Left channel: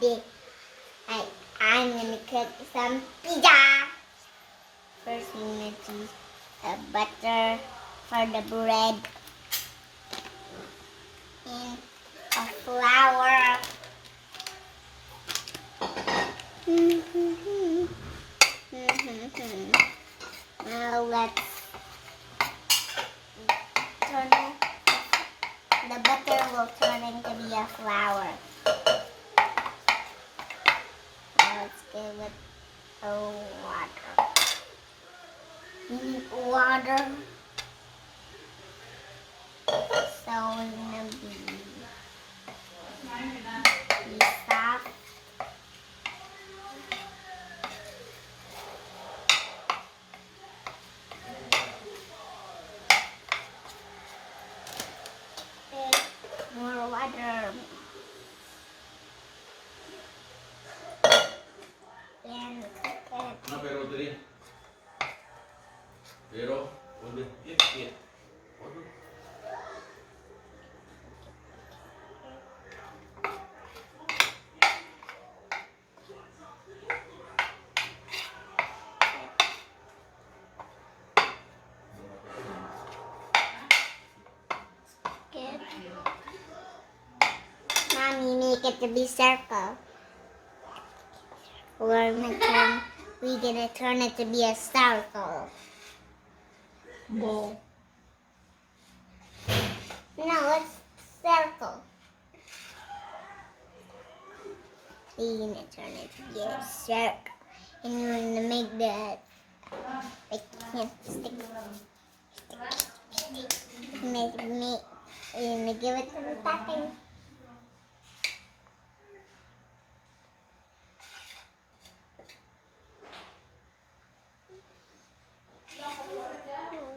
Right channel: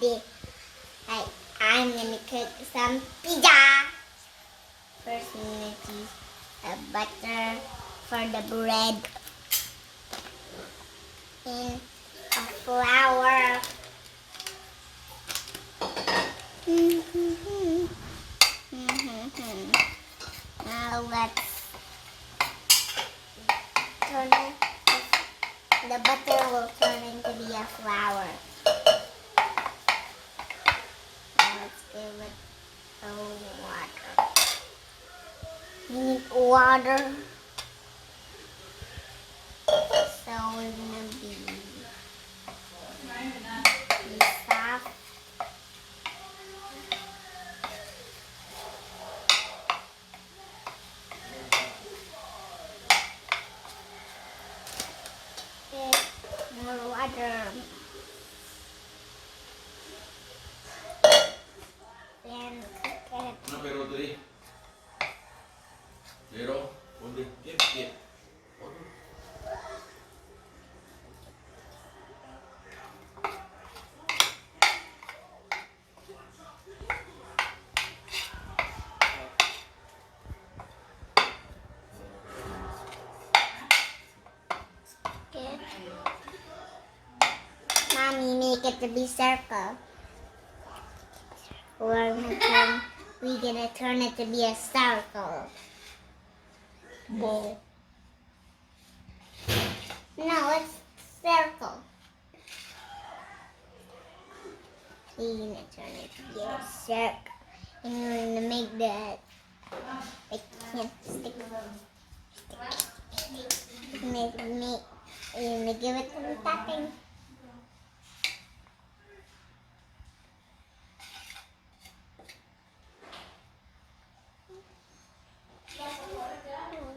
the I'm gonna cook some pizza. First, we need to use butter for the bread and a flour. Now let's turn it. The butter will turn into be a flour. Now let's give it a water. We need water. So we're gonna be soft. More water. Then cook it. No, Fero tadi. Fero, udah, get. Mommy, make it to be circle. We're gonna turn it to be a circle. Ball. No, it's circle. We're gonna turn it to be a circle. And we're gonna make the stick. We're gonna give it some tapping.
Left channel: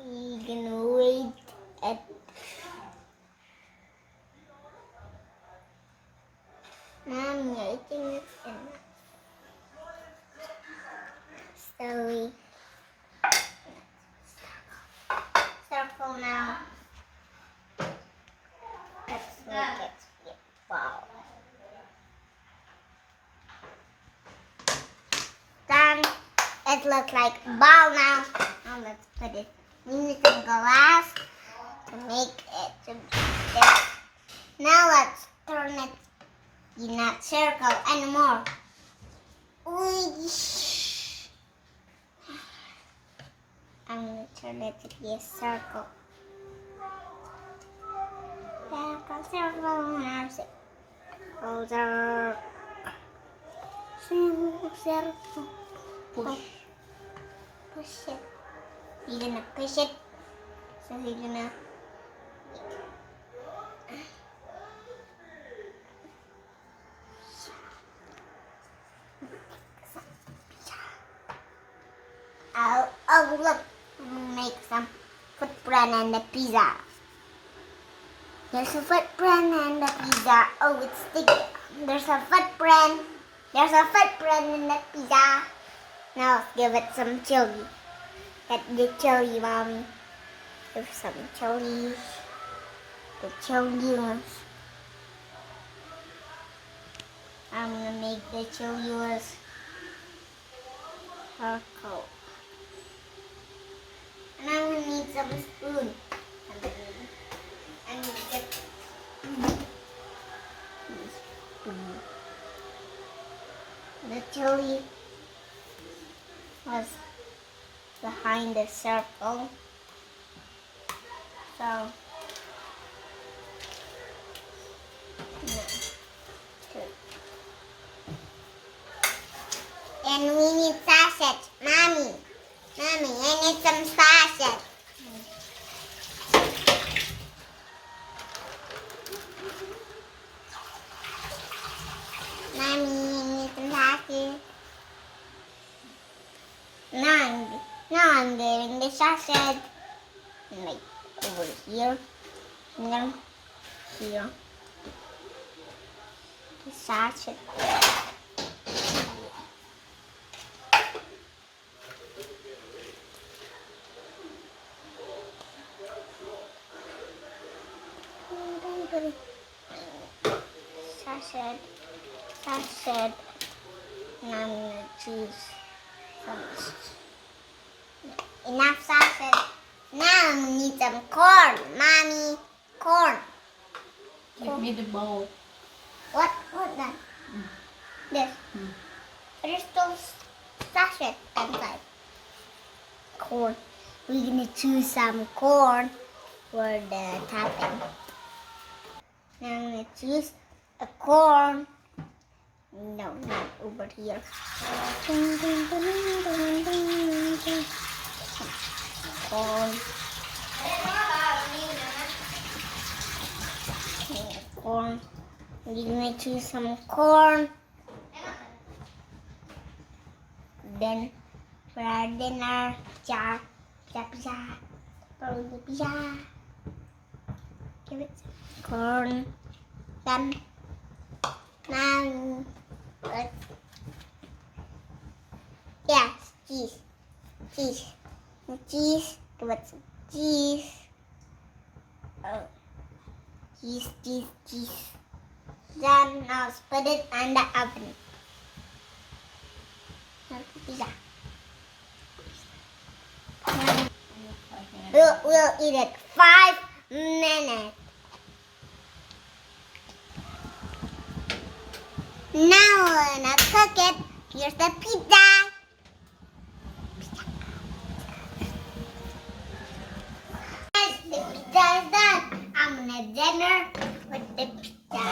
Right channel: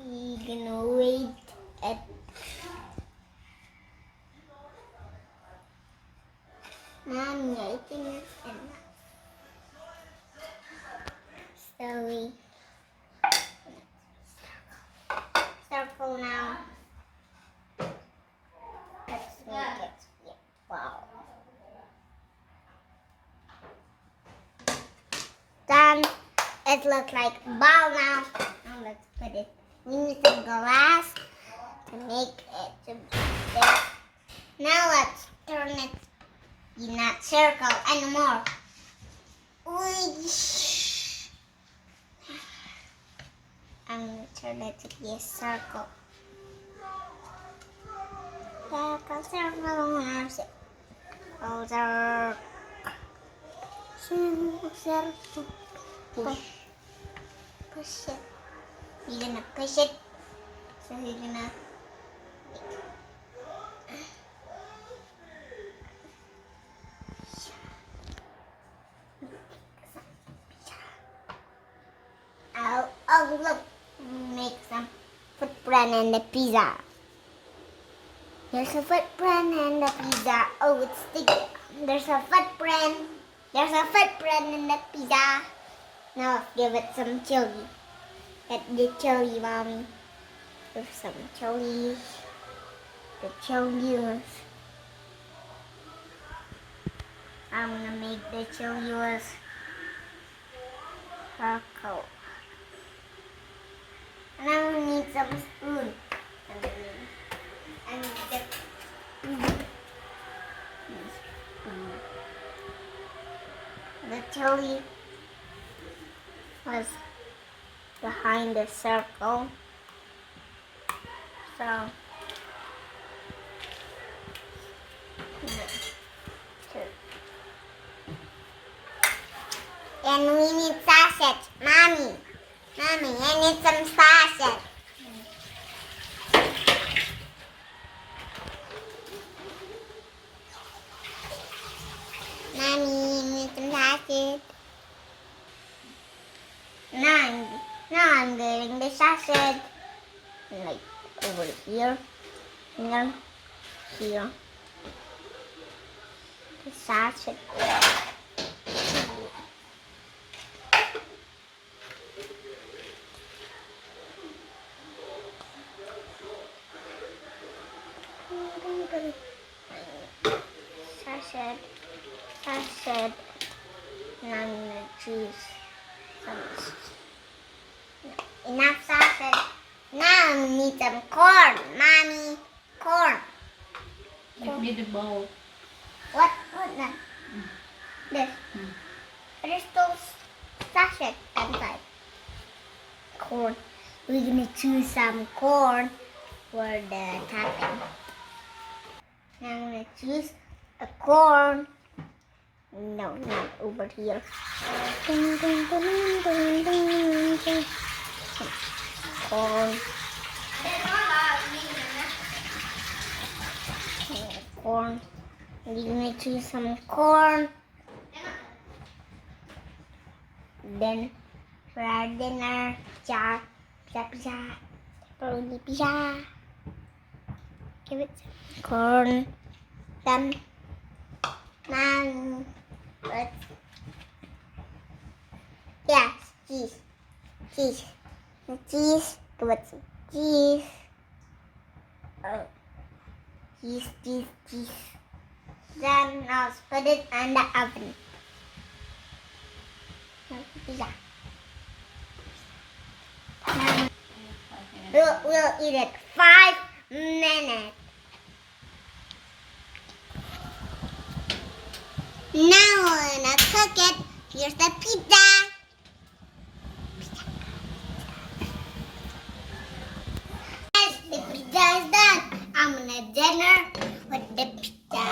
We're gonna wait at Mommy, I think it's enough. So we circle now. Let's make it be a ball. Done. It looks like a ball now. Now let's put it. We need some glass to make it to be there. Now let's turn it. You're not circle anymore. I'm gonna turn it to be a circle. Circle, circle, now circle. Push it. You're gonna push it. So you're gonna. Oh, look, make some footprint in the pizza. There's a footprint in the pizza. Oh, it's sticky. There's a footprint. There's a footprint in the pizza. Now let's give it some chili. Get the chili, Mommy. Give some chili. The chili. I'm gonna make the chili circle. Now we need some spoon. I'm gonna get the chili was behind the circle. So and we need sausage. Mommy, I need some sausage. Mommy, I need some sausage. Now I'm getting the sausage. Like over here. Here. The sausage. sausage. Now I'm gonna choose some. Enough sausage. Now we need some corn, mommy. Corn. Give me the bowl. What that? This. There's still sachet inside. Corn. We're gonna choose some corn for the topping. Now I'm gonna choose a corn. No, not over here. Ding, ding, ding, ding, ding, ding. Corn. Corn. We're gonna choose some corn. Then for our dinner, pizza, pepperoni pizza. Give it some corn. Done. Now let's cheese. Give it some cheese. Oh, cheese. Then now put it in the oven. Pizza. We'll eat it 5 minutes. Now we're gonna cook it. Here's the pizza. Yes, the pizza is done. I'm gonna dinner with the pizza.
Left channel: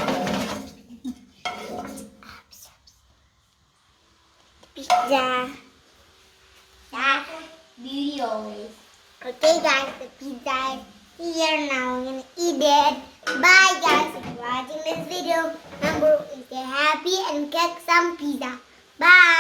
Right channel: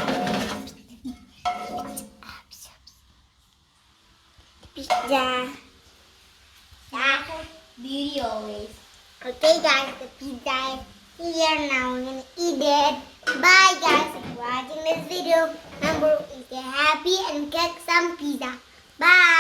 Pizza. Beauty always. Okay guys, the pizza is here now. We're gonna eat it. Bye guys for watching this video. Remember, stay happy and get some pizza. Bye.